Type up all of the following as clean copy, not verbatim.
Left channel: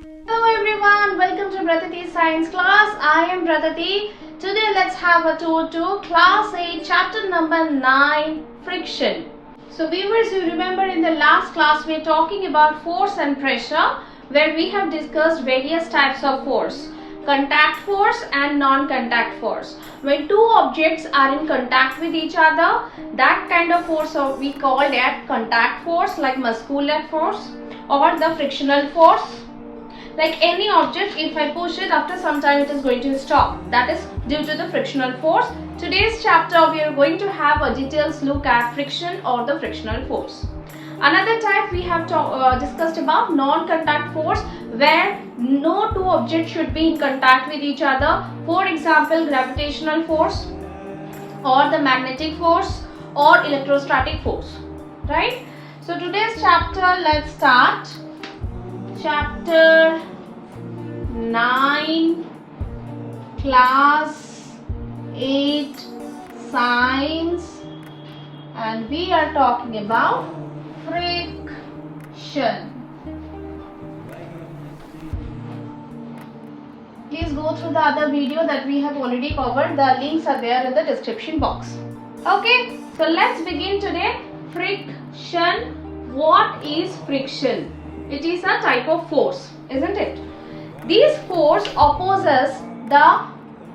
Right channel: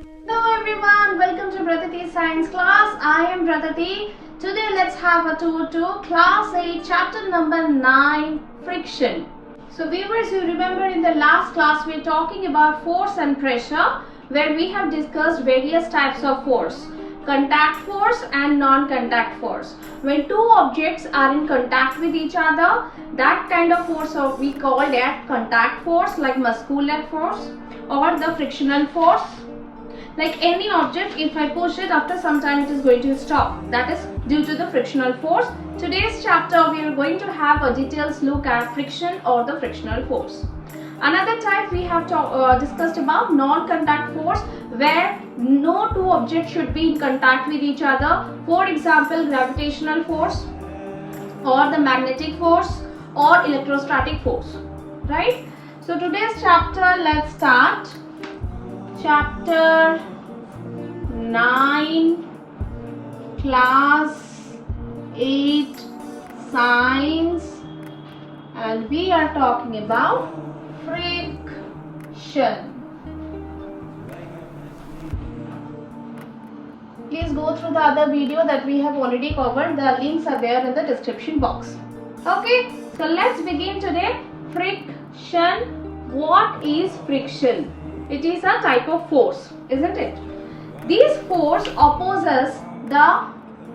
Hello everyone, welcome to Pratati Science class. I am Pratati. Today let's have a tour to class 8 chapter number 9 friction. So viewers, you remember in the last class we are talking about force and pressure, where we have discussed various types of force. Contact force and non-contact force. When two objects are in contact with each other, that kind of force we call that contact force, like muscular force or the frictional force. Like any object, if I push it, after some time it is going to stop. That is due to the frictional force. Today's chapter we are going to have a detailed look at friction or the frictional force. Another type we have discussed about non-contact force, where no two objects should be in contact with each other. For example, gravitational force or the magnetic force or electrostatic force, right? So today's chapter, let's start. Chapter 9, class 8 science, and we are talking about friction. Please go through the other video that we have already covered. The links are there in the description box. Okay, so let's begin today. Friction. What is friction? It is a type of force, isn't it? This force opposes the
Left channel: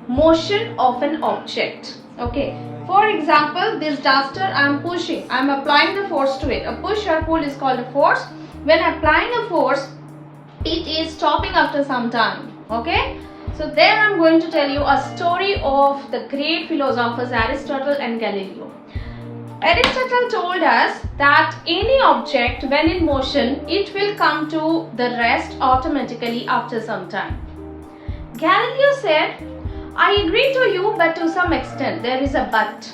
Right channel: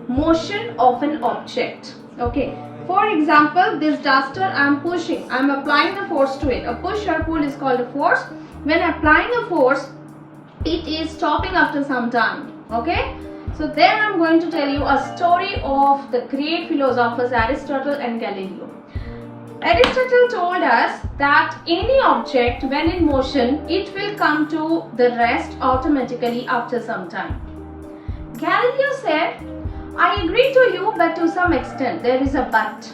motion of an object. Okay. For example, this duster I am pushing. I am applying the force to it. A push or pull is called a force. When applying a force, it is stopping after some time. Okay. So there I am going to tell you a story of the great philosophers Aristotle and Galileo. Aristotle told us that any object when in motion, it will come to the rest automatically after some time. Galileo said, I agree to you, but to some extent. There is a but.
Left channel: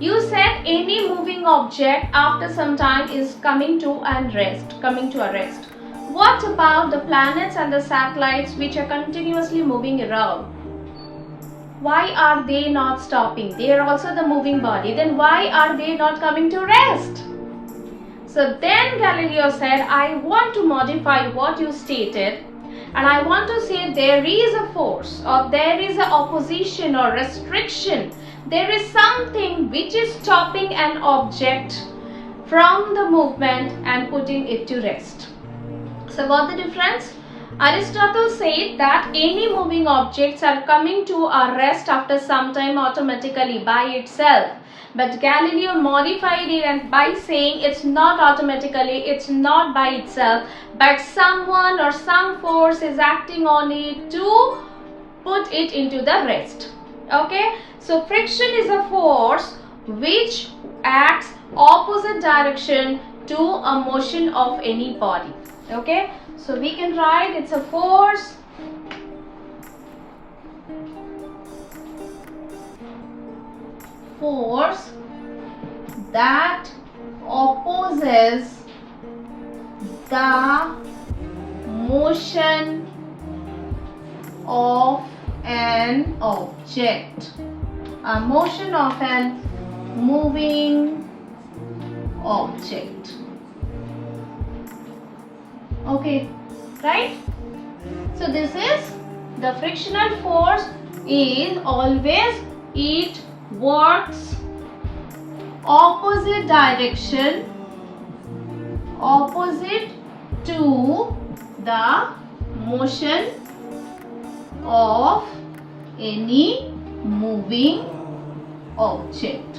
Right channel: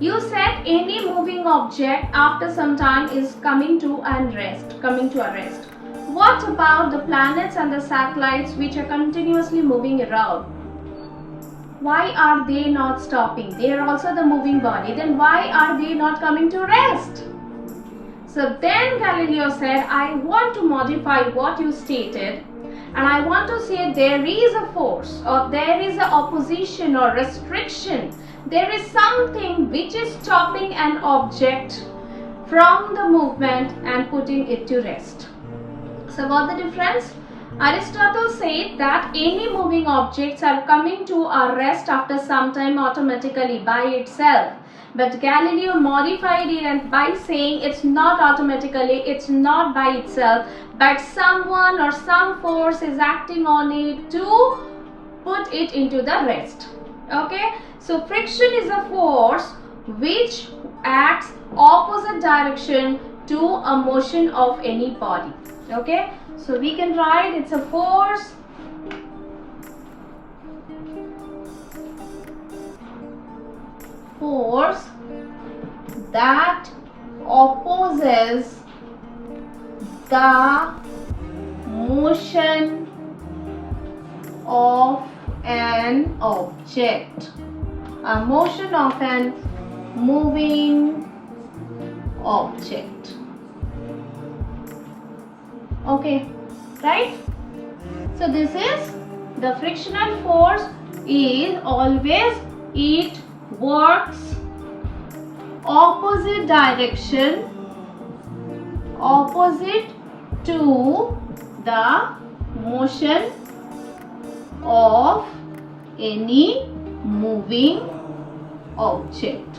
You said any moving object after some time is coming to a rest. What about the planets and the satellites which are continuously moving around? Why are they not stopping? They are also the moving body. Then why are they not coming to rest? So then Galileo said, I want to modify what you stated, and I want to say there is a force, or there is an opposition or restriction. There is something which is stopping an object from the movement and putting it to rest. So what the difference? Aristotle said that any moving objects are coming to a rest after some time automatically by itself. But Galileo modified it and by saying it's not automatically, it's not by itself, but someone or some force is acting on it to put it into the rest. Okay, so friction is a force which acts opposite direction to a motion of any body. Okay, so we can write it's a force that opposes the motion of an object. A motion of an moving object. Okay, right? So this is the frictional force is always, it works opposite direction, opposite to the motion of any moving object.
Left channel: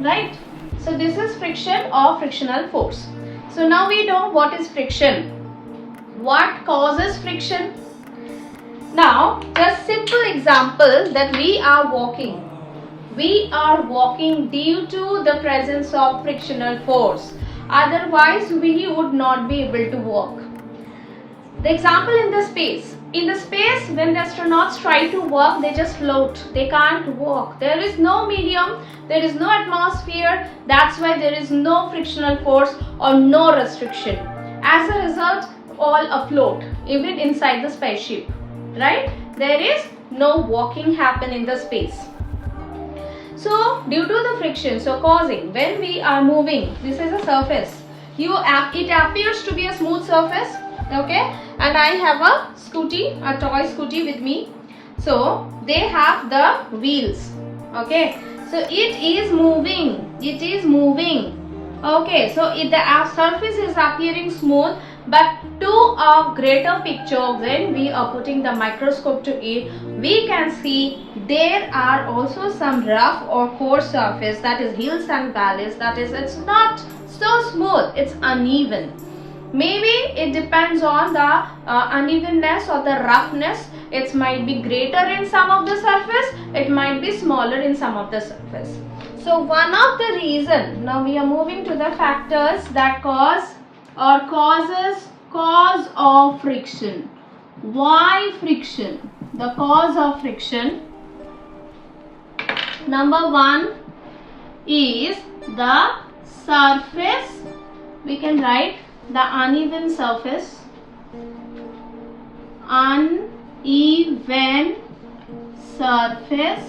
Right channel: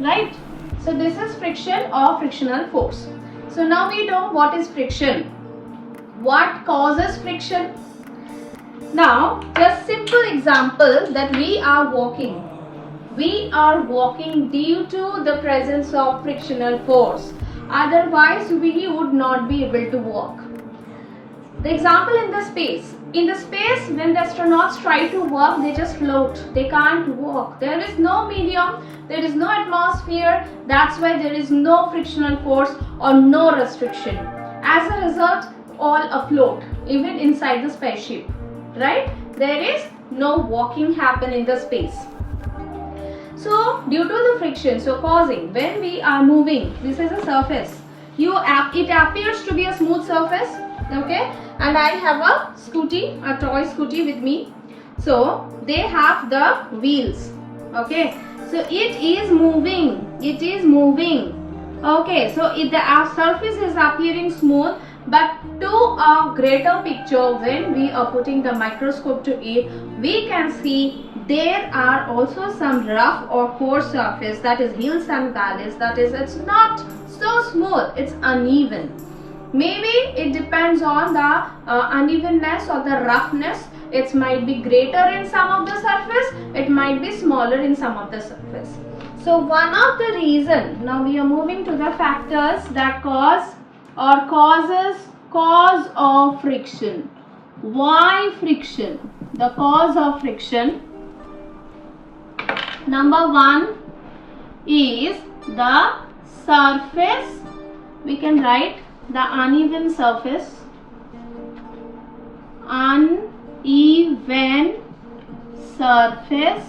Right? So this is friction or frictional force. So now we know what is friction. What causes friction? Now, just simple example that we are walking. We are walking due to the presence of frictional force. Otherwise, we would not be able to walk. The example in the space. In the space, when the astronauts try to walk, they just float. They can't walk. There is no medium. There is no atmosphere. That's why there is no frictional force or no restriction. As a result, all afloat, even inside the spaceship. Right? There is no walking happen in the space. So, due to the friction, so causing, when we are moving, this is a surface. it appears to be a smooth surface, okay, and I have a toy scooty with me. So they have the wheels, okay, so it is moving, okay, so the surface is appearing smooth, but to a greater picture, when we are putting the microscope to it, we can see there are also some rough or coarse surface, that is hills and valleys, that is, it's not so smooth, it's uneven. Maybe it depends on the unevenness or the roughness. It might be greater in some of the surface, it might be smaller in some of the surface. So one of the reason, now we are moving to the factors that cause of friction. Why friction? The cause of friction. Number one is the surface. We can write the uneven surface. Uneven surface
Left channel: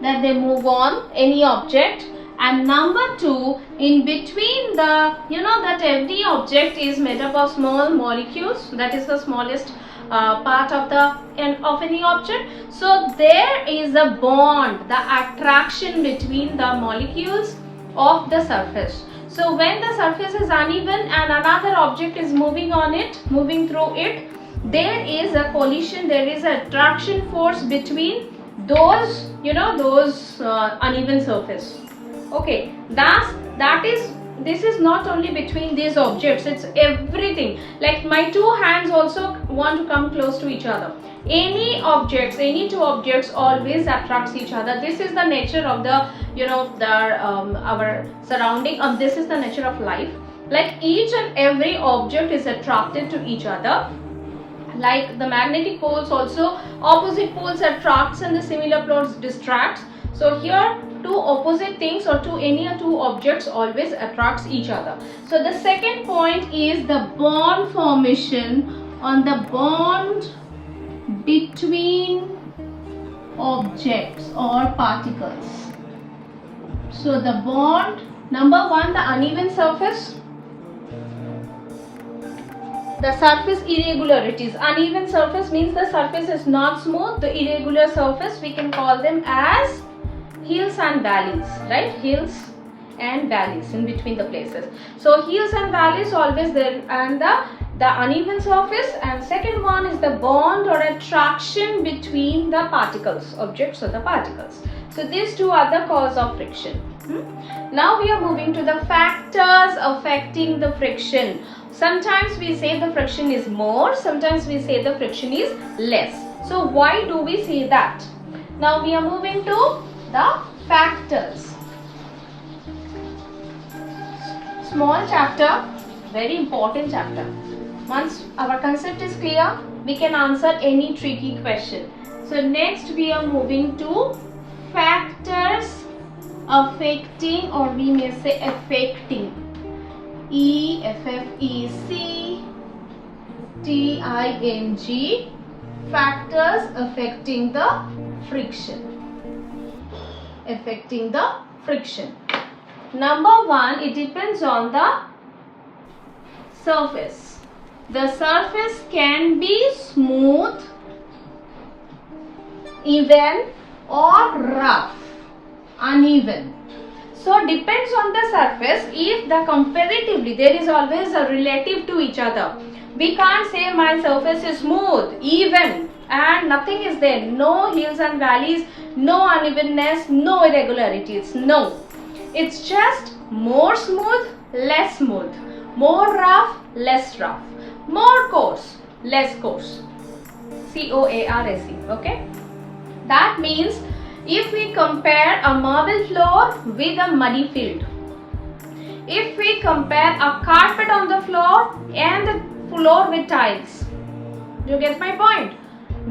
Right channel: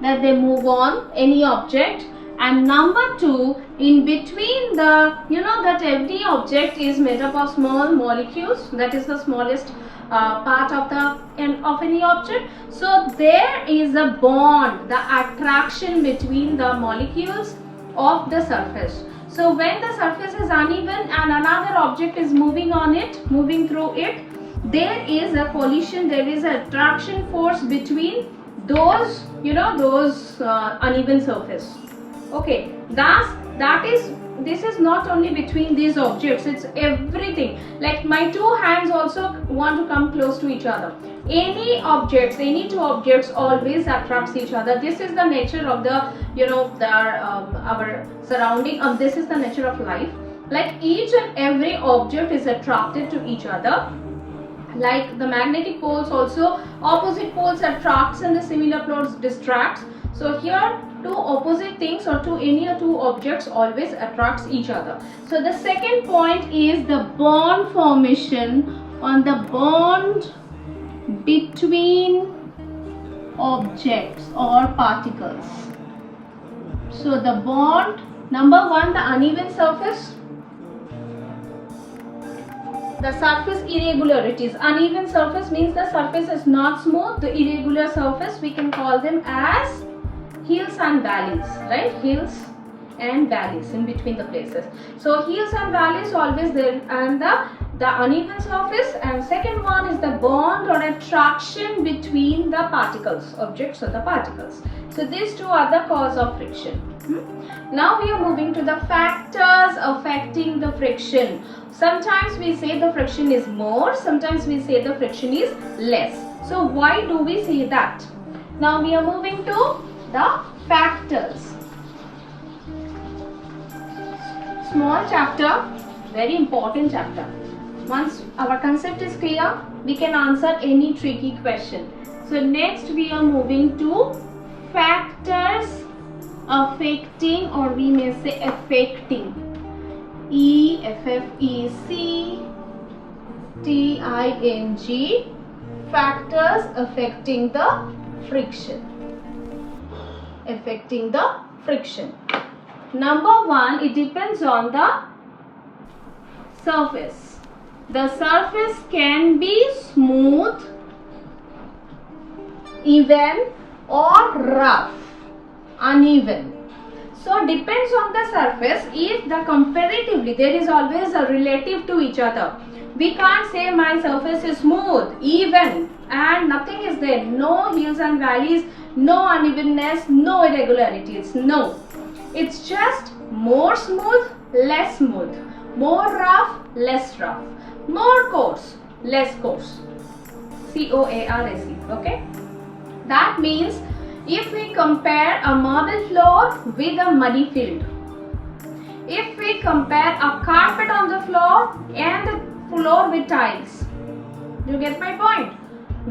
that they move on any object. And number two, in between the, that every object is made up of small molecules, that is the smallest part of any object. So there is a bond, the attraction between the molecules of the surface. So when the surface is uneven and another object is moving through it, there is a collision, there is an attraction force between those, uneven surface. Okay, this is not only between these objects, it's everything. Like my two hands also want to come close to each other. Any two objects always attracts each other. This is the nature of the, our surrounding. This is the nature of life. Like each and every object is attracted to each other. Like the magnetic poles also, opposite poles attracts and the similar poles distracts. So here two opposite things or any two objects always attracts each other. So the second point is the bond formation on the bond between objects or particles. So the bond, number one, the uneven surface. The surface irregularities. Uneven surface means the surface is not smooth. The irregular surface, we can call them as hills and valleys, right? Hills and valleys in between the places. So hills and valleys always there, and the uneven surface. And second one is the bond or attraction between the particles, objects or the particles. So these two are the cause of friction. Now we are moving to the factors affecting the friction. Sometimes we say the friction is more, sometimes we say the friction is less. So why do we say that? Now we are moving to the factors. Small chapter, very important chapter. Once our concept is clear, we can answer any tricky question. So next we are moving to factors affecting, or we may say affecting. E-F-F-E-C-T-I-N-G, factors affecting the friction. Affecting the friction. Number one, it depends on the surface. The surface can be smooth, even or rough, uneven. So depends on the surface. If the comparatively, there is always a relative to each other. We can't say my surface is smooth, even, and nothing is there. No hills and valleys, no unevenness, no irregularities. No. It's just more smooth, less smooth. More rough, less rough. More coarse, less coarse. C-O-A-R-S-E. Okay? That means if we compare a marble floor with a muddy field, if we compare a carpet on the floor and the floor with tiles, you get my point?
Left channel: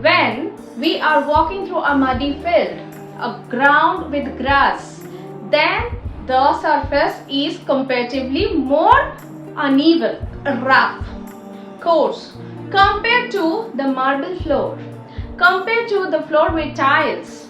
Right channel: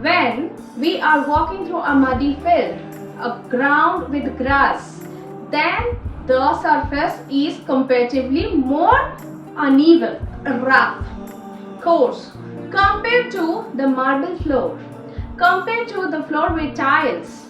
When we are walking through a muddy field, a ground with grass, then the surface is comparatively more uneven, rough, coarse, compared to the marble floor, compared to the floor with tiles.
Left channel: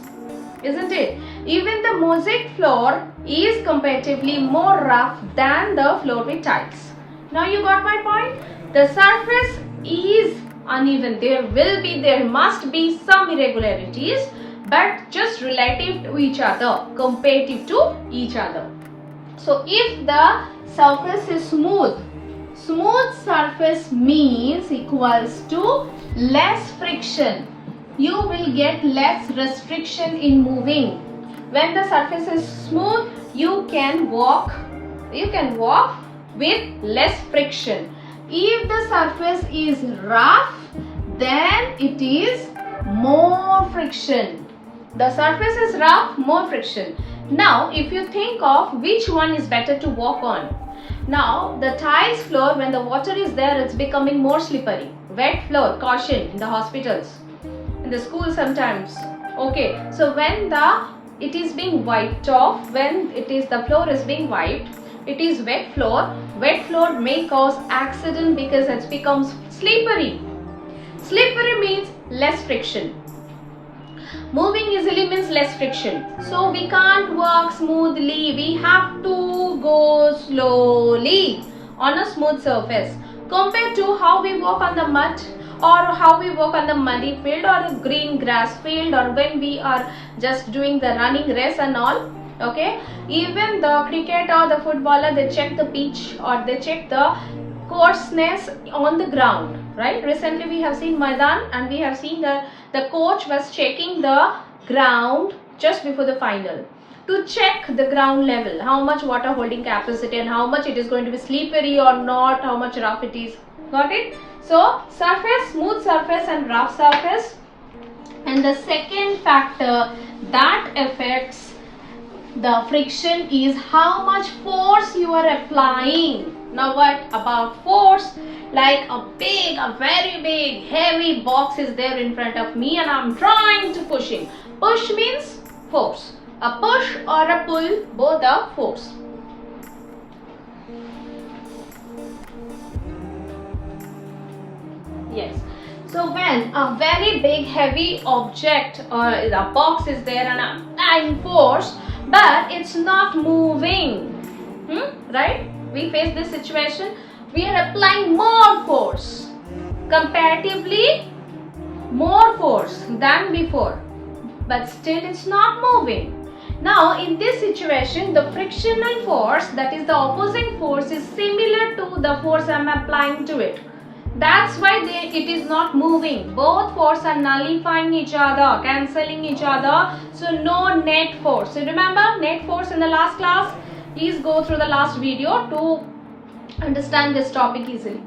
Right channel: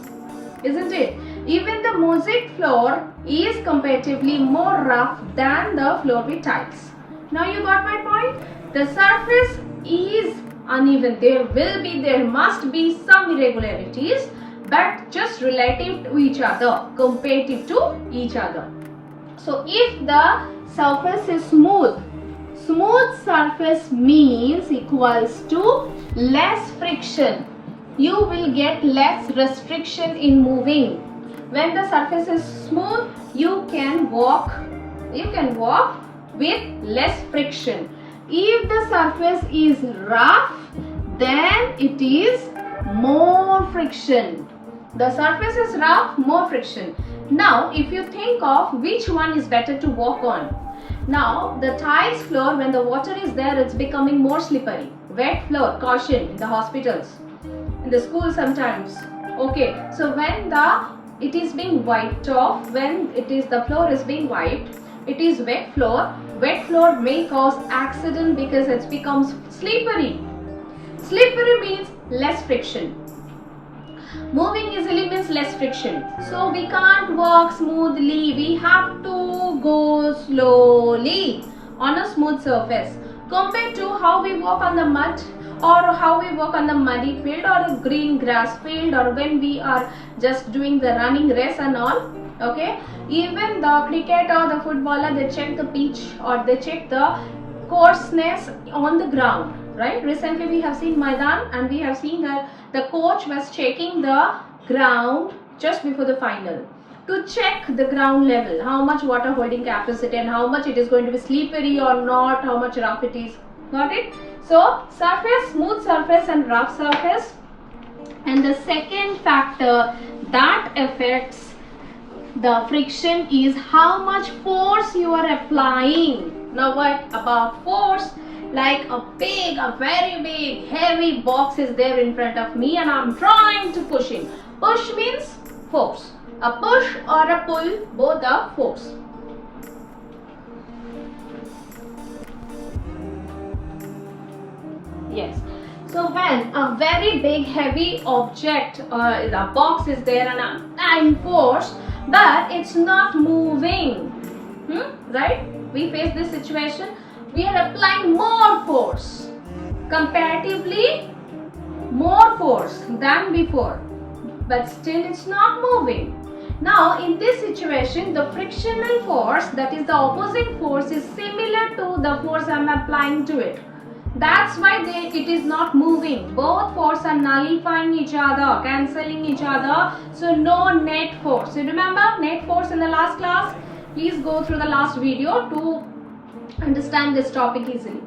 Isn't it? Even the mosaic floor is comparatively more rough than the floor with tiles. Now you got my point? The surface is uneven. There must be some irregularities, but just relative to each other, comparative to each other. So if the surface is smooth surface means equals to less friction. You will get less restriction in moving. When the surface is smooth, you can walk with less friction. If the surface is rough, then it is more friction. The surface is rough, more friction. Now, if you think of which one is better to walk on. Now, the tiles floor, when the water is there, it's becoming more slippery. Wet floor, caution in the hospitals, in the school sometimes. Okay, so when it is being wiped off, the floor is being wiped, it is wet floor. Wet floor may cause accident because it becomes slippery. Slippery means less friction. Moving easily means less friction. So we can't walk smoothly. We have to go slowly on a smooth surface compared to how we walk on the mud, or how we walk on the muddy field or the green grass field, or when we are just doing the running race and all. Okay, even the cricket or the footballer, they check the pitch or they check the coarseness on the ground, right? Recently we have seen Maidan, and we have seen that the coach was checking the ground just before the final to check the ground level, how much water holding capacity and how much it is going to be slippery or not, how much rough it is. Got it? So surface, smooth surface and rough surface. And the second factor that affects the friction is how much force you are applying. Now what about force? Like a very big heavy box is there in front of me and I'm trying to push him. Push means force. A push or a pull, both are force. Yes. So when a very big heavy object or a box is there and I'm applying force, but it's not moving, right? We face this situation. We are applying more force, comparatively more force than before, but still it's not moving. Now in this situation, the frictional force, that is the opposing force, is similar to the force I am applying to it. That's why it is not moving. Both force are nullifying each other, cancelling each other. So no net force. So remember net force in the last class? Please go through the last video to understand this topic easily.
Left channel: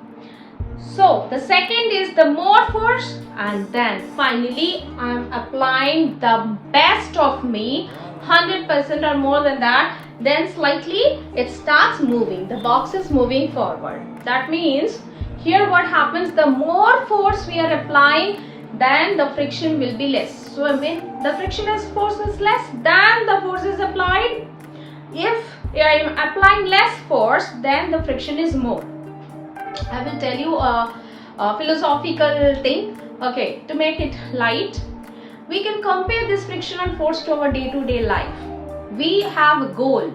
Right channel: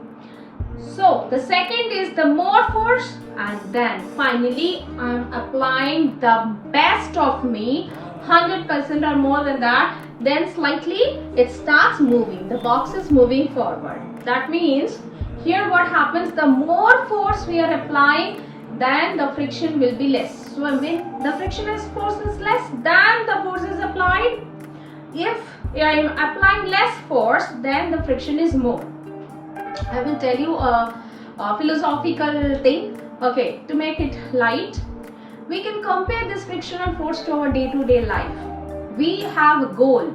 So the second is the more force, and then finally I am applying the best of me, 100% or more than that. Then slightly it starts moving. The box is moving forward. That means here what happens, the more force we are applying, then the friction will be less. So when the frictional force is less than the force is applied, if I am applying less force, then the friction is more. I will tell you a philosophical thing. Okay, to make it light, we can compare this frictional force to our day-to-day life. We have a goal.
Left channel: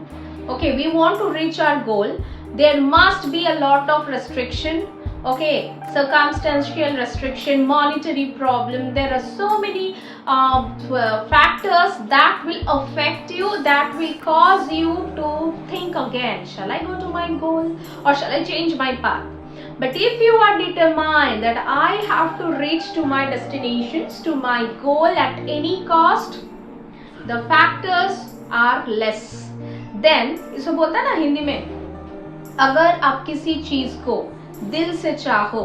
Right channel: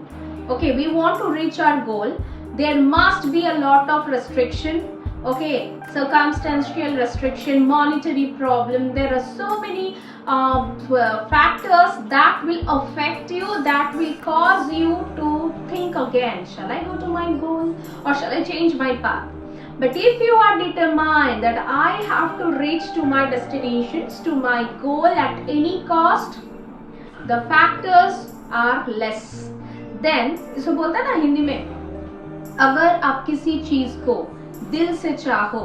Okay, we want to reach our goal. There must be a lot of restriction. Okay, circumstantial restriction, monetary problem. There are so many factors that will affect you, that will cause you to think again, shall I go to my goal or shall I change my path? But if you are determined that I have to reach to my destinations, to my goal at any cost, the factors are less. Then इसको बोलता है ना हिंदी में, अगर आप किसी चीज को दिल से चाहो,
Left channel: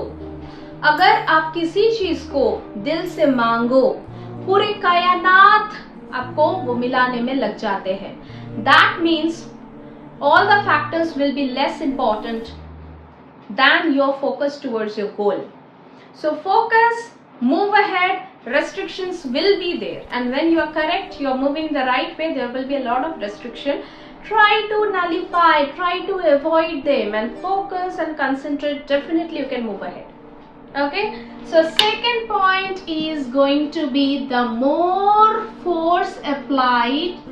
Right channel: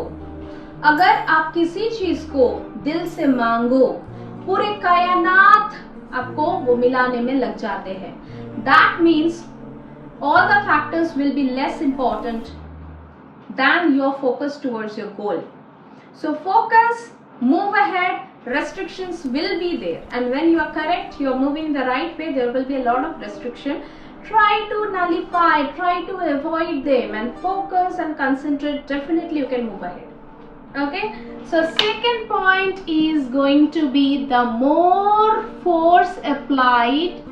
अगर आप किसी चीज को दिल से मांगो, पूरे कायनात आपको वो मिलाने में लग जाते हैं. That means all the factors will be less important than your focus towards your goal. So focus, move ahead, restrictions will be there, and when you are correct, you are moving in the right way, there will be a lot of restriction. Try to nullify, try to avoid them and focus and concentrate. Definitely you can move ahead. Okay, so second point is going to be the more force applied,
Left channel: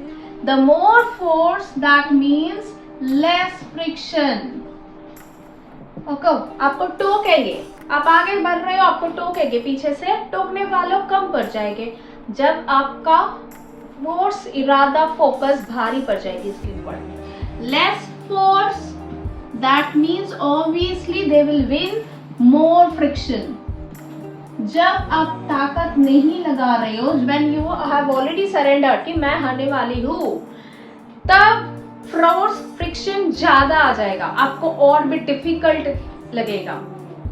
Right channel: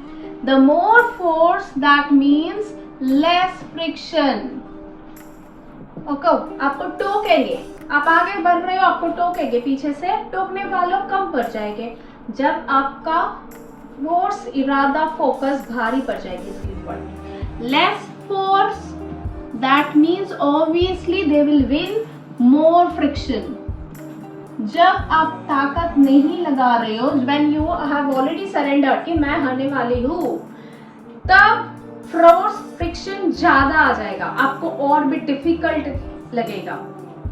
The more force, that means less friction. Okay, आपको टोकेंगे, आप आगे बढ़ रहे हो, आपको टोकेंगे, पीछे से टोकने वालों कम पड़ जाएंगे जब आपका फोर्स, इरादा, फोकस भारी पड़ जाएगी इसके ऊपर. Less force, that means obviously they will win more friction. जब आप ताकत नहीं लगा रहे हो, when you have already surrendered कि मैं हारने वाली हूँ, तब फोर्स, फ्रिक्शन ज्यादा आ जाएगा, आपको और भी डिफिकल्ट लगेगा.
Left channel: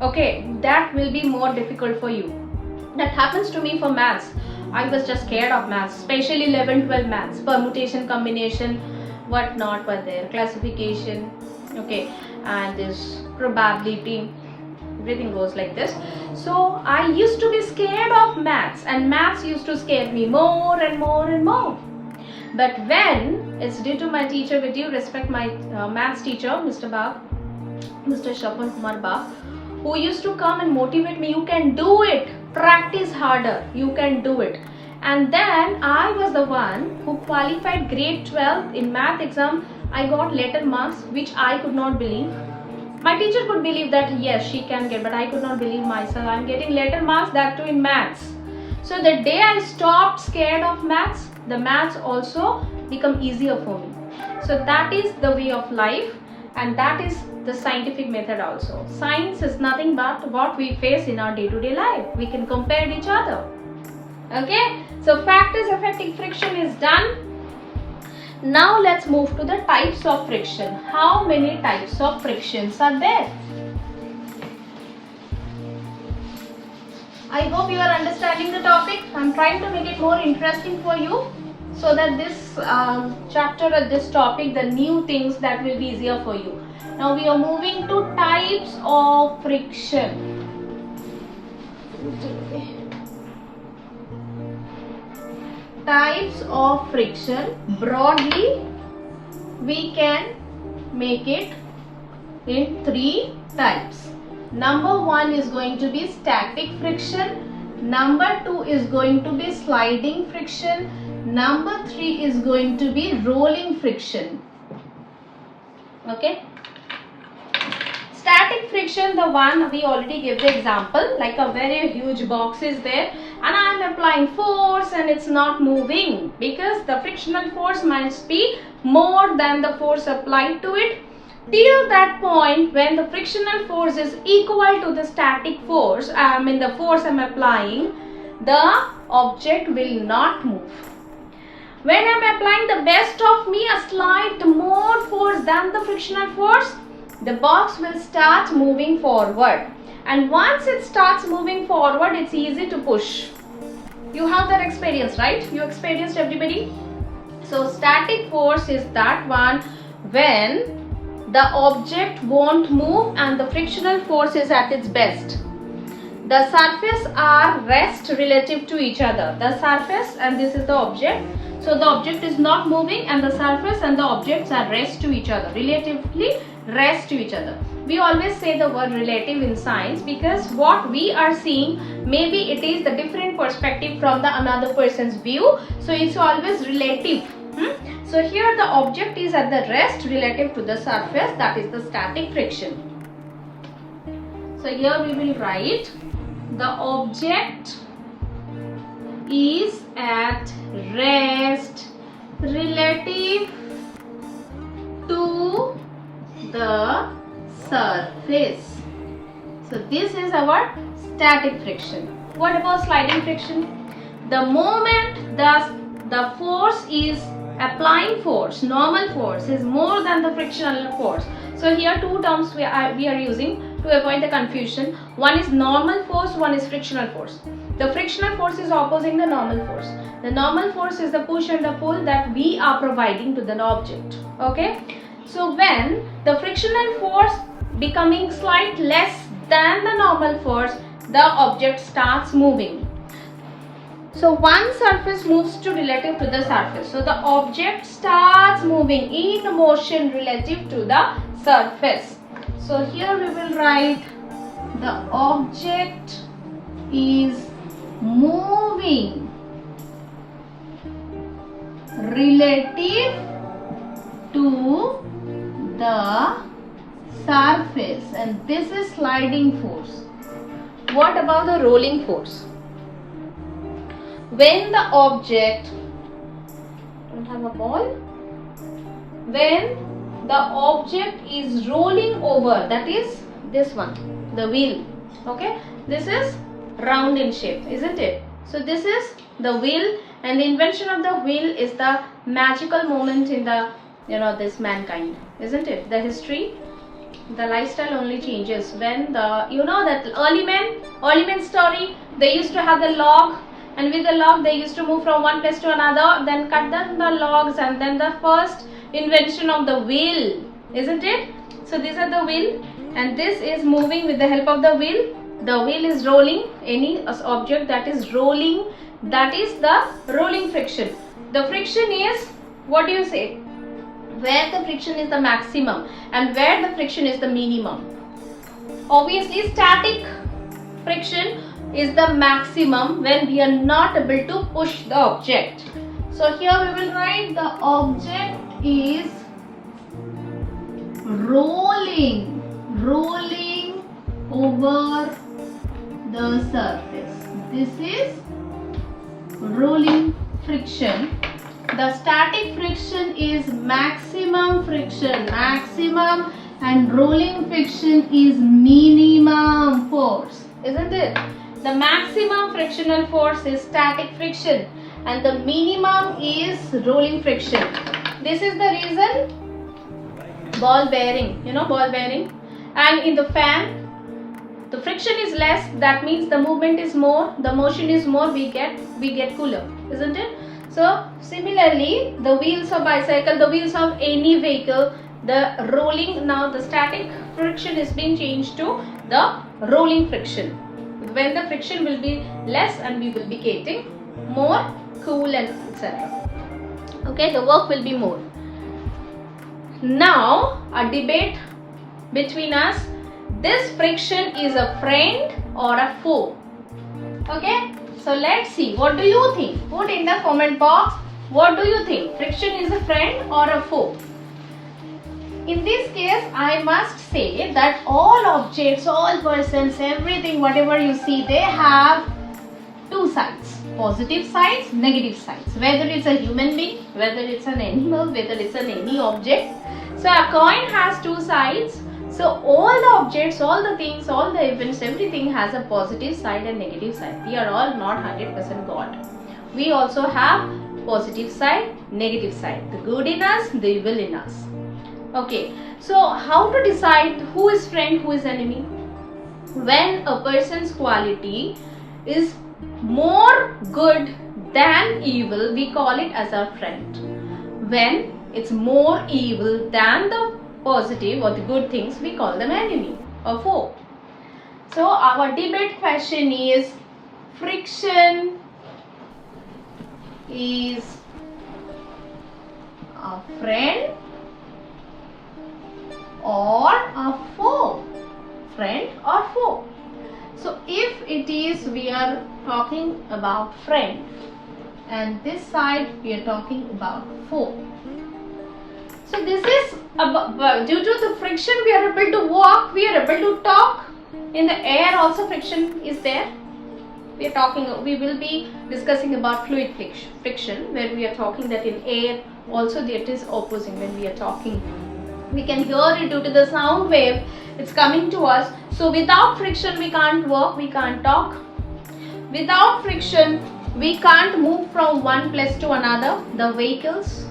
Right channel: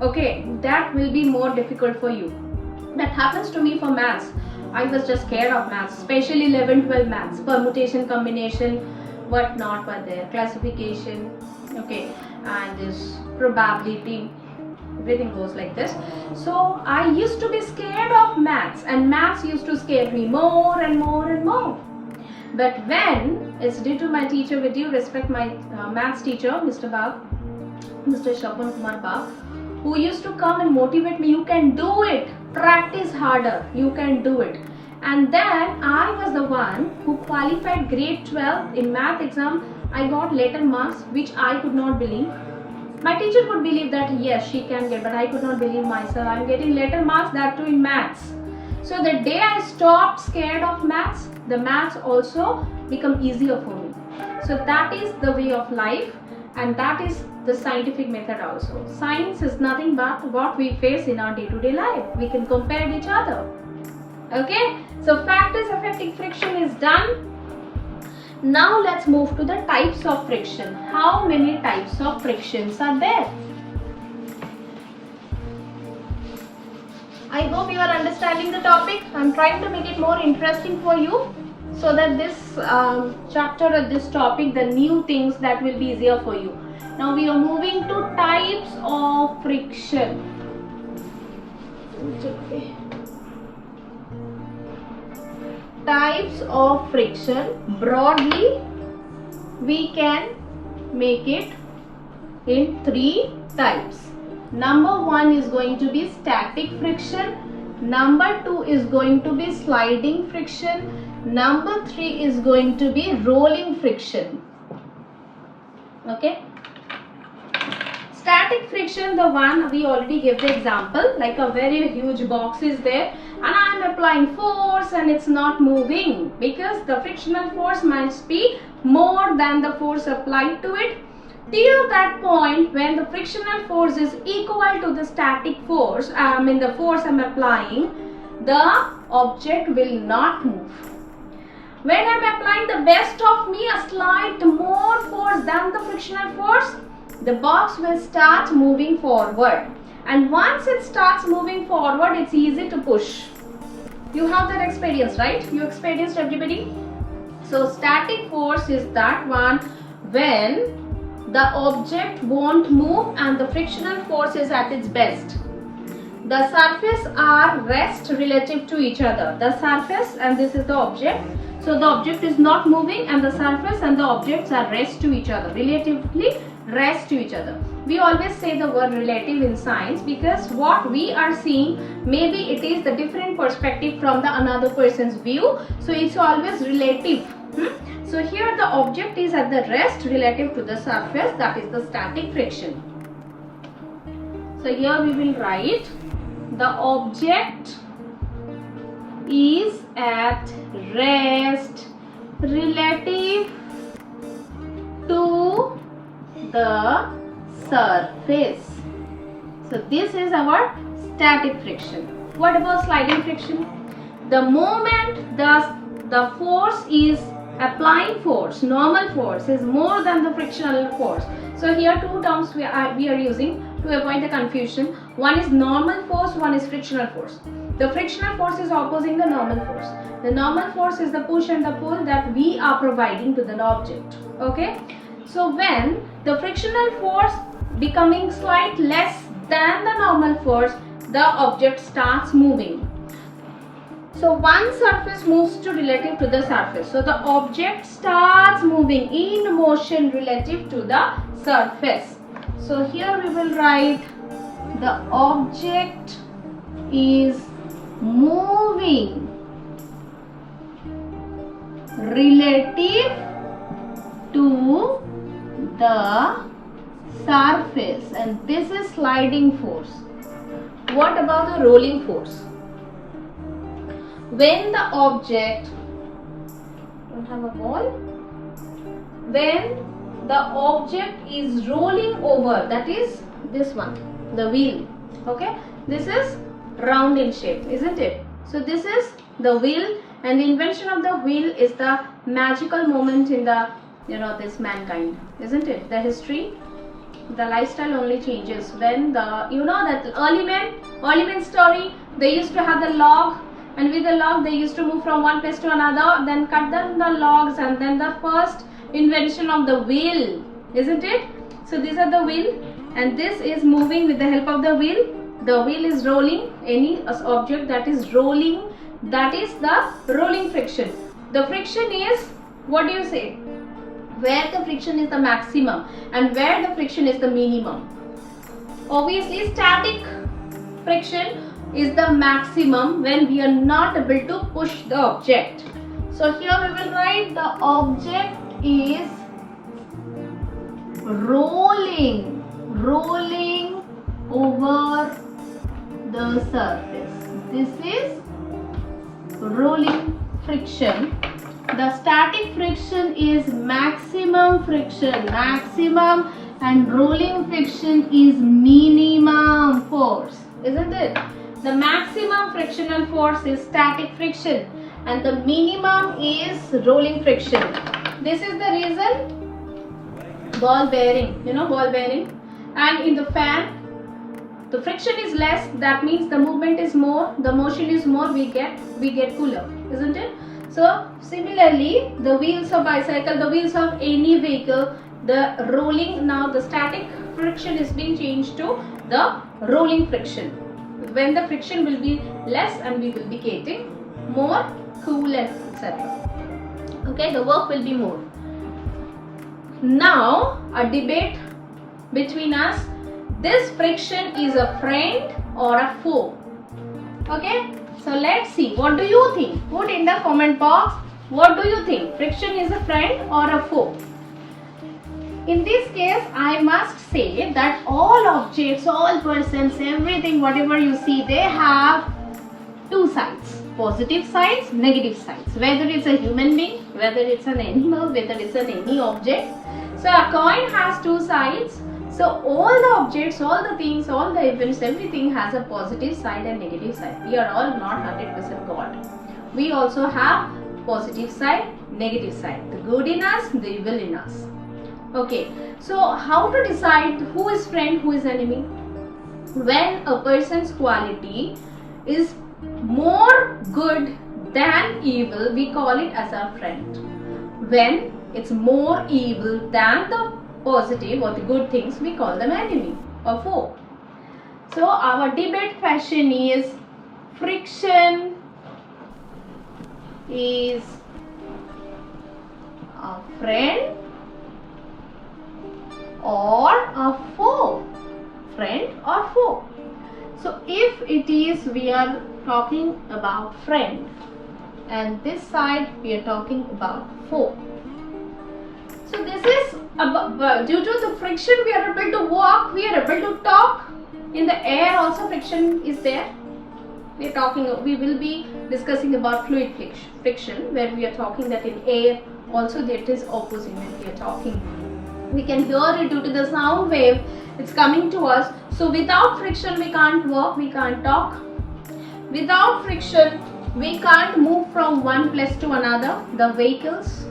Okay, that will be more difficult for you. That happens to me for maths. I was just scared of maths, especially 11-12 maths, permutation, combination, what not were there, classification, okay, and this probability, everything goes like this. So I used to be scared of maths, and maths used to scare me more and more and more. But when it's due to my teacher, with due respect, my maths teacher, Mr. Bag, Mr. Shapan Kumar Bag, who used to come and motivate me, you can do it, practice harder, you can do it. And then I was the one who qualified grade 12 in math exam. I got letter marks which I could not believe. My teacher could believe that yes, she can get, but I could not believe myself. I'm getting letter marks, that too in maths. So the day I stopped scared of maths, the maths also become easier for me. So that is the way of life, and that is the scientific method also. Science is nothing but what we face in our day-to-day life. We can compare each other. Okay, so factors affecting friction is done. Now let's move to the types of friction. How many types of frictions are there? I hope you are understanding the topic. I'm trying to make it more interesting for you, so that this chapter or this topic, the new things, that will be easier for you. Now we are moving to types of friction. Types of friction, broadly we can make it in 3 types. Number 1 is going to be static friction. Number 2 is going to be sliding friction. Number 3 is going to be rolling friction. Okay. Static friction, the one we already gave the example, like a very huge box is there and I am applying force and it's not moving because the frictional force must be more than the force applied to it. Till that point, when the frictional force is equal to the static force, the force I am applying, the object will not move. When I am applying the best of me, a slight more force than the frictional force, the box will start moving forward. And once it starts moving forward, it's easy to push. You have that experience, right? You experienced, everybody? So static force is that one when the object won't move and the frictional force is at its best. The surface are rest relative to each other. The surface and this is the object. So the object is not moving and the surface and the objects are rest to each other. Relatively rest to each other. We always say the word relative in science because what we are seeing, maybe it is the different perspective from the another person's view. So it's always relative. So here the object is at the rest relative to the surface, that is the static friction. So here we will write the object is at rest relative to the surface. So this is our static friction. What about sliding friction? The moment the force is applying force, normal force is more than the frictional force. So here two terms we are using to avoid the confusion. One is normal force, one is frictional force. The frictional force is opposing the normal force. The normal force is the push and the pull that we are providing to the object. Okay. So when the frictional force becoming slight less than the normal force, the object starts moving. So one surface moves to relative to the surface. So the object starts moving in motion relative to the surface. So here we will write the object is moving relative to the surface, and this is sliding force. What about the rolling force? When the object, don't have a ball, when the object is rolling over, that is this one, the wheel, okay, this is round in shape, isn't it? So this is the wheel, and the invention of the wheel is the magical moment in the, this mankind, isn't it? The history, the lifestyle only changes when the, that early men story, they used to have the log, and with the log they used to move from one place to another, then cut down the logs, and then the first invention of the wheel, isn't it? So these are the wheel, and this is moving with the help of the wheel. The wheel is rolling any object that is rolling, that is the rolling friction. The friction is, what do you say, where the friction is the maximum and where the friction is the minimum. Obviously static friction is the maximum when we are not able to push the object. So here we will write the object is rolling over the surface. This is rolling friction. The static friction is maximum friction, and rolling friction is minimum force, isn't it? The maximum frictional force is static friction and the minimum is rolling friction. This is the reason ball bearing, ball bearing, and in the fan the friction is less, that means the movement is more, the motion is more, we get cooler, isn't it? So similarly, the wheels of bicycle, the wheels of any vehicle, the rolling, now the static friction is being changed to the rolling friction. When the friction will be less and we will be getting more cool and etc. Okay, the work will be more. Now a debate between us, this friction is a friend or a foe. Okay, so let's see, what do you think? Put in the comment box, what do you think? Friction is a friend or a foe? In this case, I must say that all objects, all persons, everything, whatever you see, they have two sides. Positive sides, negative sides. Whether it's a human being, whether it's an animal, whether it's any object. So a coin has two sides. So all the objects, all the things, all the events, everything has a positive side and negative side. We are all not 100% God. We also have positive side, negative side. The good in us, the evil in us. Okay, so how to decide who is friend, who is enemy? When a person's quality is more good than evil, we call it as our friend. When it's more evil than the positive or the good things, we call them enemy or foe. So our debate question is, friction is a friend or a foe? Friend or foe? So if it is, we are talking about friend, and this side we are talking about foe. So this is about, due to the friction we are able to walk, we are able to talk. In the air also friction is there. We will be discussing about fluid friction, where we are talking that in air also that is opposing. When we are talking, we can hear it due to the sound wave, it's coming to us. So without friction we can't walk, we can't talk. Without friction we can't move from one place to another. The vehicles,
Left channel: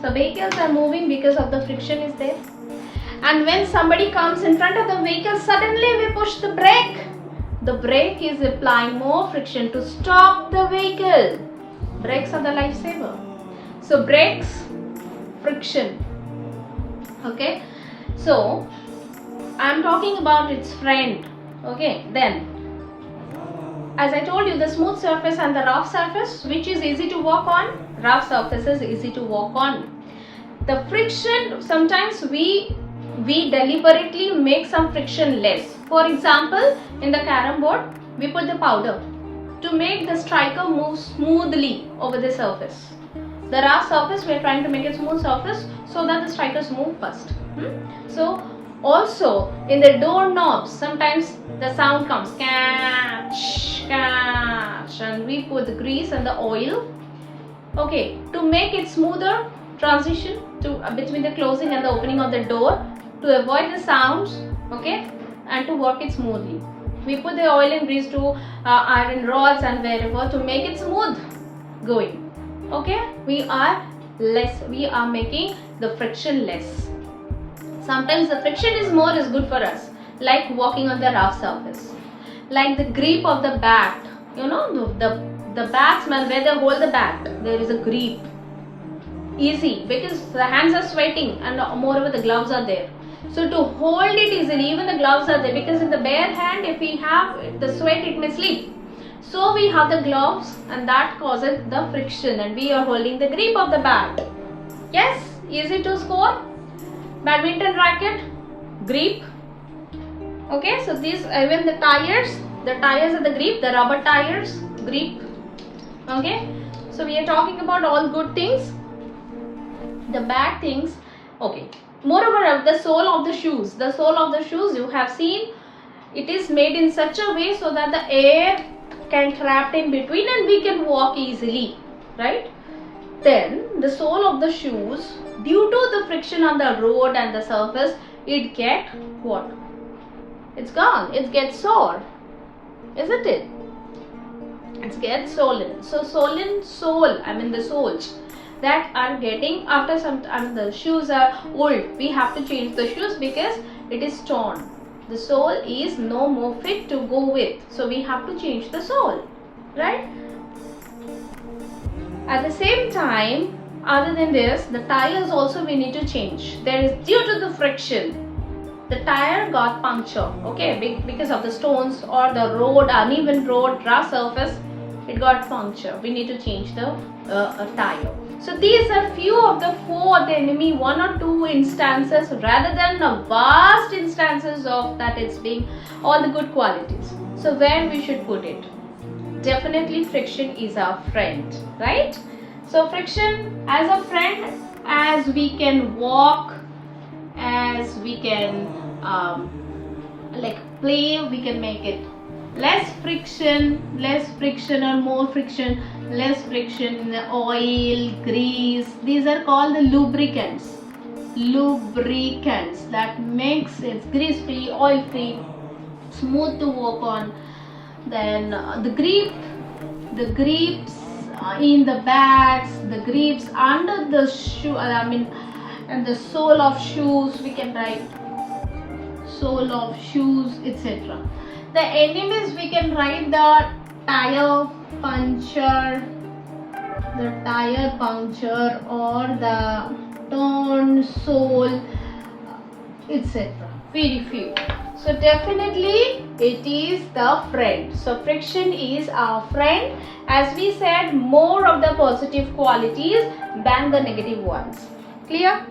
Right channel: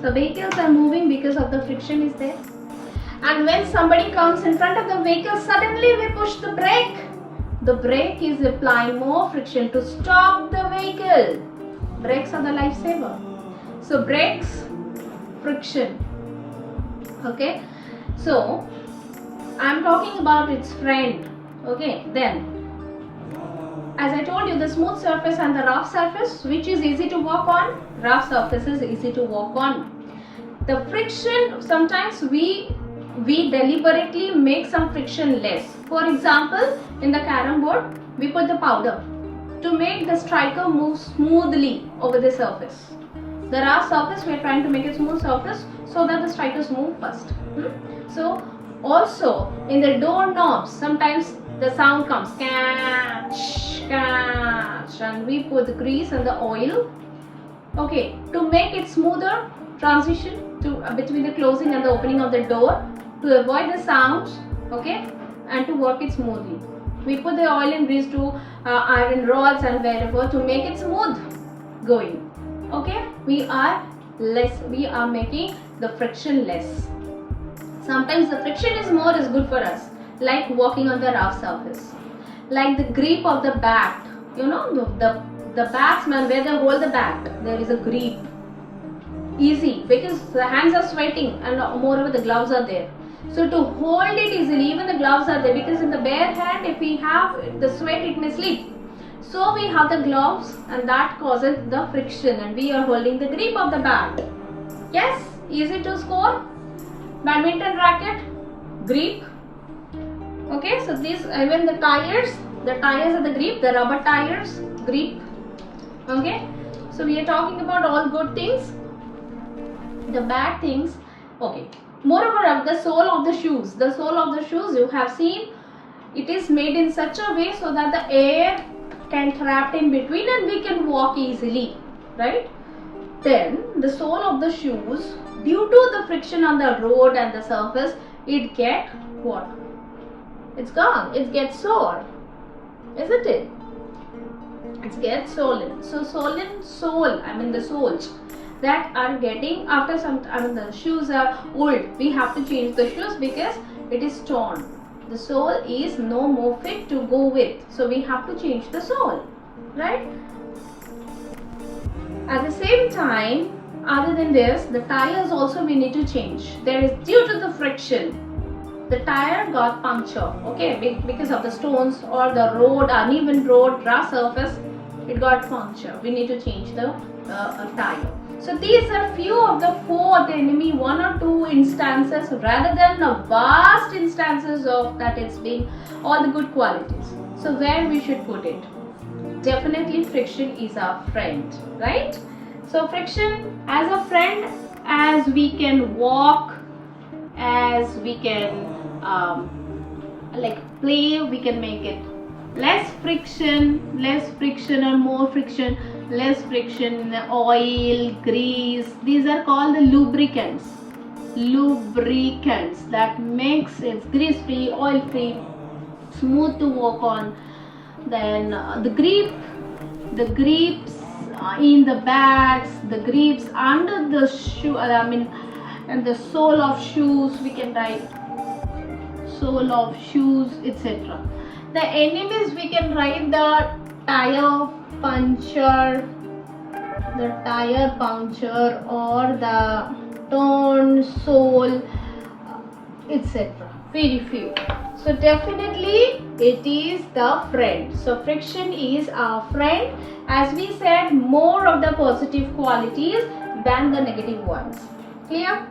so vehicles are moving because of the friction is there. And when somebody comes in front of the vehicle, suddenly we push the brake. The brake is applying more friction to stop the vehicle. Brakes are the lifesaver. So brakes, friction. Okay, so I am talking about its friend. Okay, then as I told you, the smooth surface and the rough surface, which is easy to walk on? Rough surface is easy to walk on. The friction, sometimes we deliberately make some friction less. For example, in the carom board, we put the powder to make the striker move smoothly over the surface. The rough surface, we are trying to make it smooth surface so that the strikers move first. So also in the door knobs, sometimes the sound comes catch, catch, and we put the grease and the oil. Okay, to make it smoother transition to between the closing and the opening of the door, to avoid the sounds, okay, and to work it smoothly. We put the oil and grease to iron rods and wherever to make it smooth going. Okay, we are making the friction less. Sometimes the friction is more is good for us, like walking on the rough surface, like the grip of the bat. You know, the batsman, where they hold the bat, there is a grip. Easy, because the hands are sweating and moreover the gloves are there. So to hold it easily, even the gloves are there, because in the bare hand, if we have the sweat, it may slip. So we have the gloves, and that causes the friction, and we are holding the grip of the bat. Yes, easy to score. Badminton racket, grip. Okay, so these, even the tires are the grip, the rubber tires, grip. Okay, so we are talking about all good things. The bad things, okay. Moreover, the sole of the shoes. The sole of the shoes, you have seen, it is made in such a way so that the air can trap in between and we can walk easily, right? Then the sole of the shoes, due to the friction on the road and the surface, it get what? It's gone. It gets sore, isn't it? It gets swollen. So swollen sole, I mean the soles that are getting after some, I mean the shoes are old. We have to change the shoes because it is torn. The sole is no more fit to go with. So we have to change the sole, right? At the same time, other than this, the tires also we need to change. There is, due to the friction, the tire got punctured, okay, because of the stones or the road, uneven road, rough surface, it got punctured. We need to change the tire. So these are few of the four of the enemy, one or two instances rather than a vast instances of that it's being all the good qualities. So where we should put it? Definitely friction is our friend, right? So friction as a friend, as we can walk, as we can like play, we can make it less friction or more friction, less friction, oil, grease. These are called the lubricants. Lubricants that makes it grease free, oil free, smooth to walk on. Then the grips in the bats, the grips under the shoe, and the sole of shoes, we can write sole of shoes, etc. The enemies, we can write the tire puncture or the torn sole, etc. Very few. So definitely it is the friend. So friction is our friend. As we said, more of the positive qualities than the negative ones. Clear?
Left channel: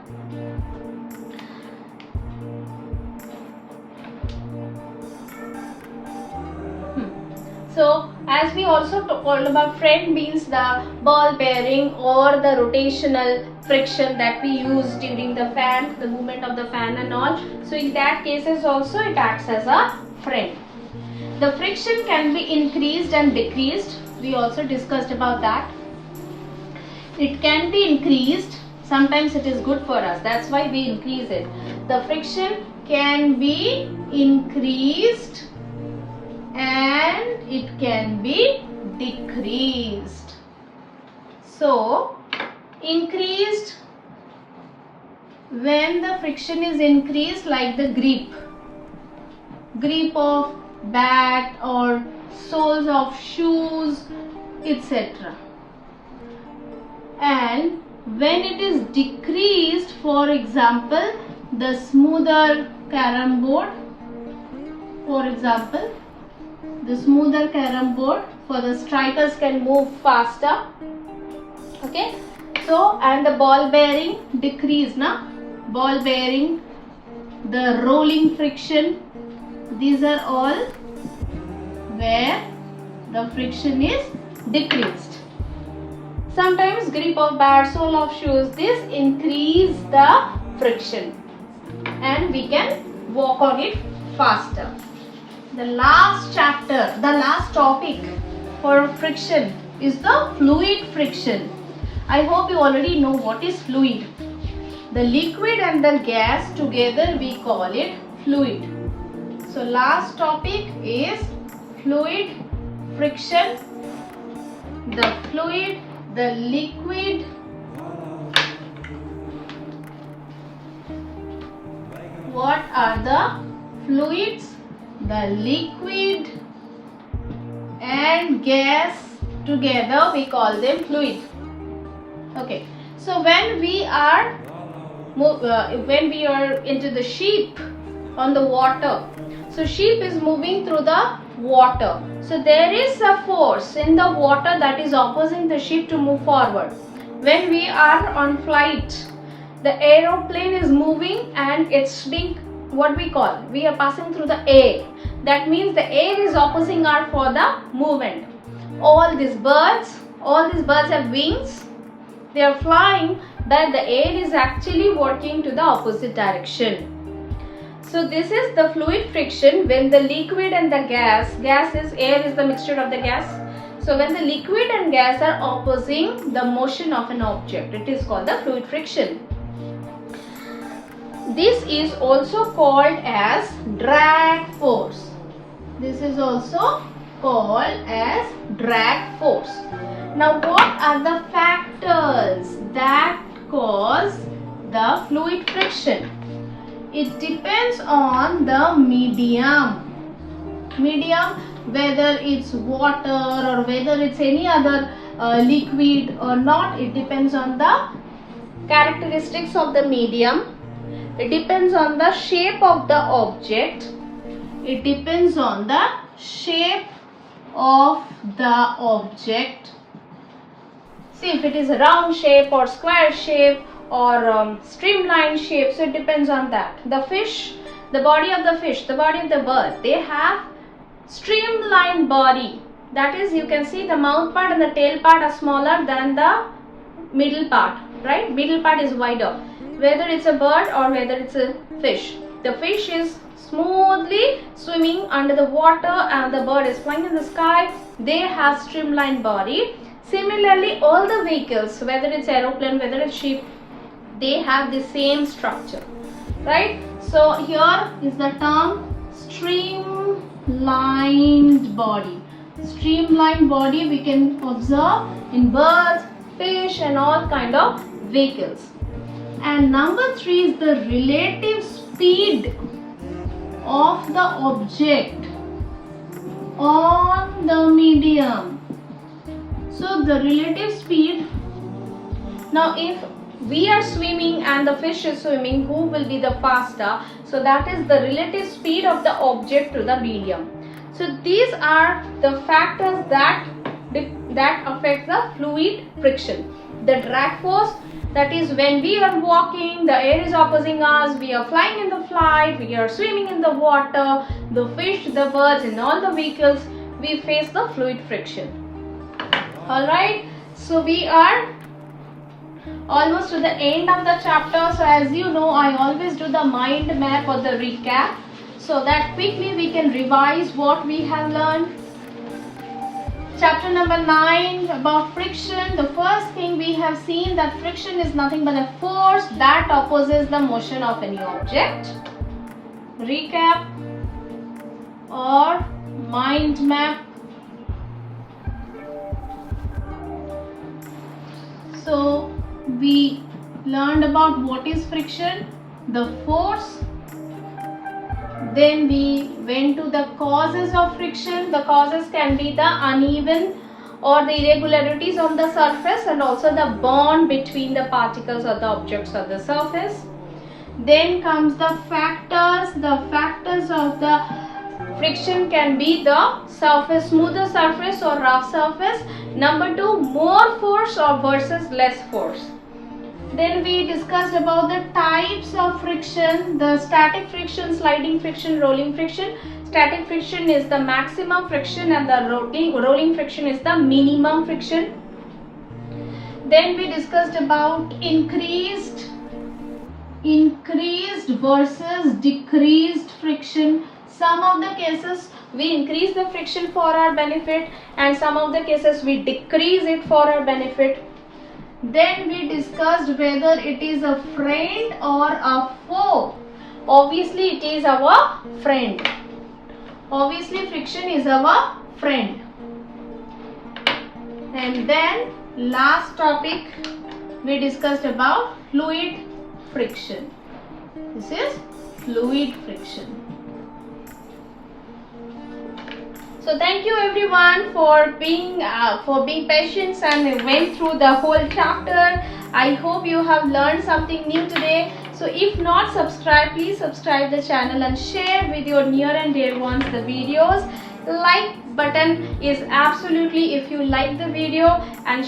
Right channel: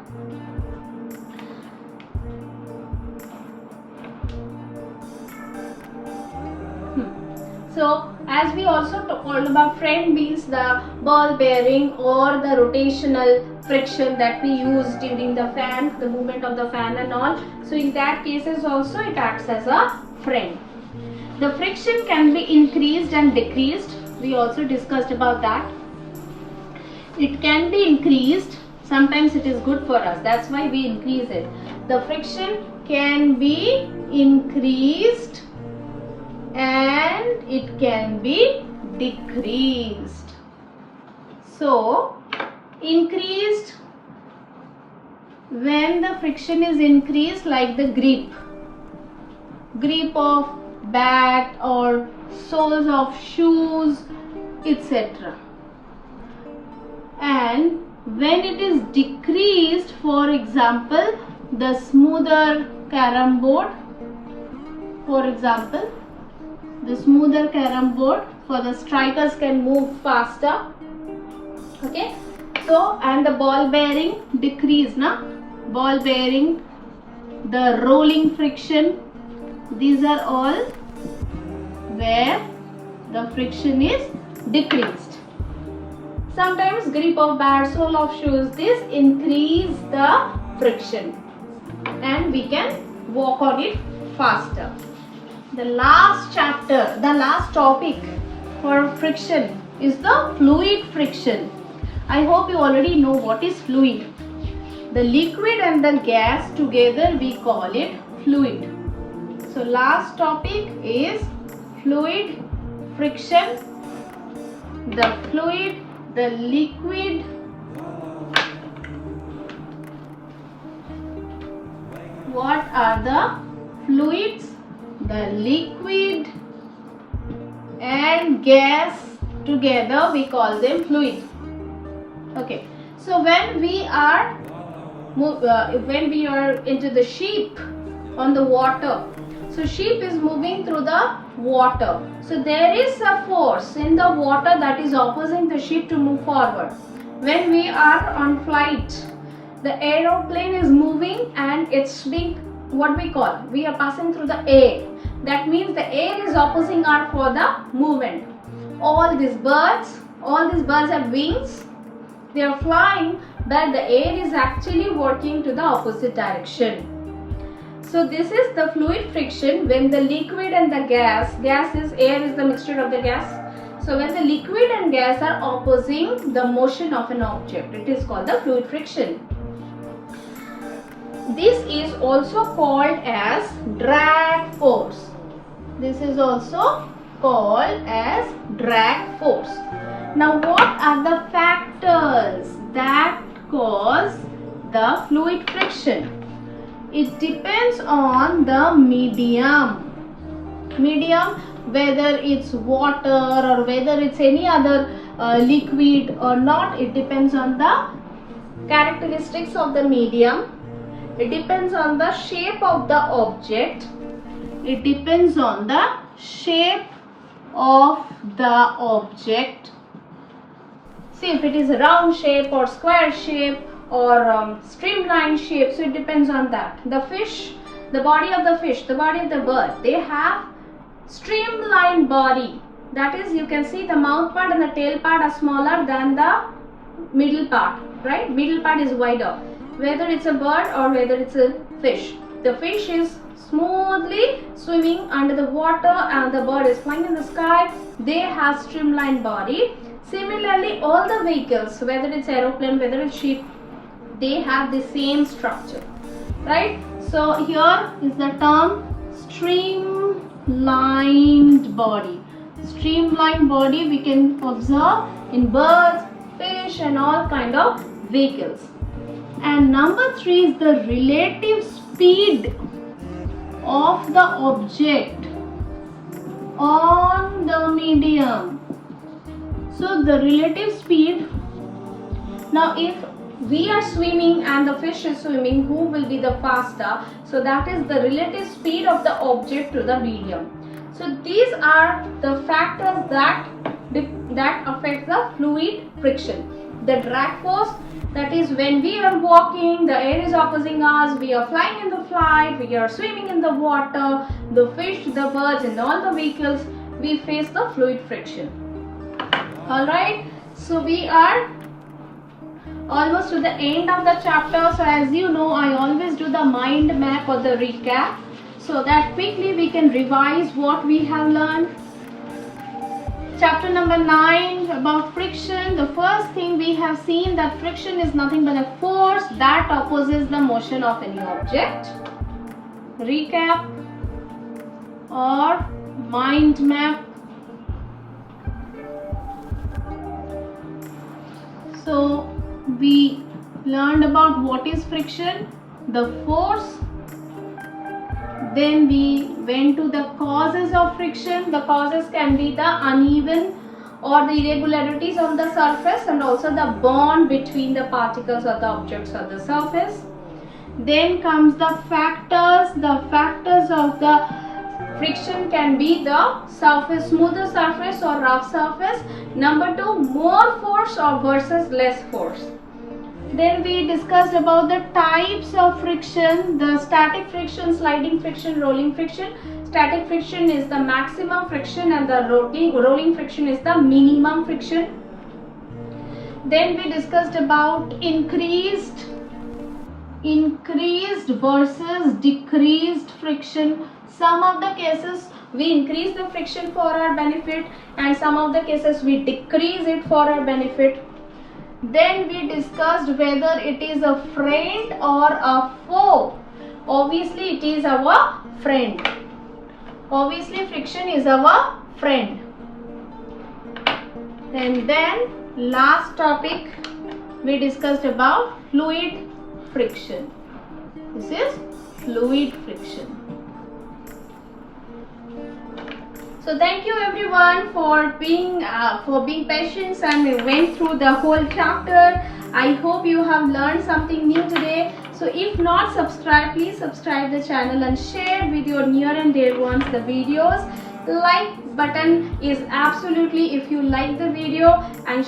So as we also told about, friend means the ball bearing or the rotational friction that we use during the fan, the movement of the fan and all. So in that cases also it acts as a friend. The friction can be increased and decreased. We also discussed about that. It can be increased. Sometimes it is good for us. That's why we increase it. The friction can be increased and it can be decreased. So increased, when the friction is increased, like the grip of bat or soles of shoes, etc. And when it is decreased, for example, the smoother carom board, for example, the smoother carom board, for the strikers can move faster. Okay, so and the ball bearing decrease, ball bearing, the rolling friction, these are all where the friction is decreased. sometimes grip of bad sole of shoes. This increase the friction and we can walk on it faster. The last chapter, the last topic for friction is the fluid friction. I hope you already know what is fluid. The liquid and the gas together we call it fluid. So last topic is fluid friction. The fluid, the liquid, what are the fluids, the liquid and gas together we call them fluid. Okay, so when we are into the ship on the water, so ship is moving through the water, so there is a force in the water that is opposing the ship to move forward. When we are on flight, the aeroplane is moving and it's being, what we call, we are passing through the air. That means the air is opposing our for the movement. All these birds have wings. They are flying, that the air is actually working to the opposite direction. So this is the fluid friction when the liquid and the gas is air is the mixture of the gas. So when the liquid and gas are opposing the motion of an object, it is called the fluid friction. This is also called as drag force. This is also called as drag force. Now what are the factors that cause the fluid friction? It depends on the medium, whether it's water or whether it's any other liquid or not. It depends on the characteristics of the medium. It depends on the shape of the object. It depends on the shape of the object. See, if it is a round shape or square shape or streamlined shape, so it depends on that. The fish, the body of the fish, the body of the bird, they have streamlined body. That is, you can see the mouth part and the tail part are smaller than the middle part, right? Middle part is wider. Whether it's a bird or whether it's a fish, the fish is smoothly swimming under the water and the bird is flying in the sky. They have streamlined body. Similarly, all the vehicles, whether it's aeroplane, whether it's ship, they have the same structure, right? So here is the term streamlined body. Streamlined body we can observe in birds, fish and all kind of vehicles. And number 3 is the relative speed of the object on the medium. So the relative speed, now if we are swimming and the fish is swimming, who will be the faster? So that is the relative speed of the object to the medium. So these are the factors that affect the fluid friction. The drag force, that is when we are walking, the air is opposing us, we are flying in the flight, we are swimming in the water, the fish, the birds and all the vehicles, we face the fluid friction. Alright, so we are almost to the end of the chapter. So as you know, I always do the mind map or the recap, so that quickly we can revise what we have learned. Chapter number 9 about friction. The first thing we have seen that friction is nothing but a force that opposes the motion of any object. Recap or mind map. So we learned about what is friction, the force. Then we went to the causes of friction. The causes can be the uneven or the irregularities on the surface and also the bond between the particles or the objects on the surface. Then comes the factors. The factors of the friction can be the surface, smoother surface or rough surface. Number 2, more force or versus less force. Then we discussed about the types of friction, the static friction, sliding friction, rolling friction. Static friction is the maximum friction and the rolling friction is the minimum friction. Then we discussed about increased versus decreased friction. Some of the cases we increase the friction for our benefit, and some of the cases we decrease it for our benefit. Then we discussed whether it is a friend or a foe. Obviously it is our friend. Obviously friction is our friend. And then last topic we discussed about fluid friction. This is fluid friction. So thank you everyone for being patient and went through the whole chapter. I hope you have learned something new today. So if not subscribed, please subscribe the channel and share with your near and dear ones the videos. Like button is absolutely if you like the video, and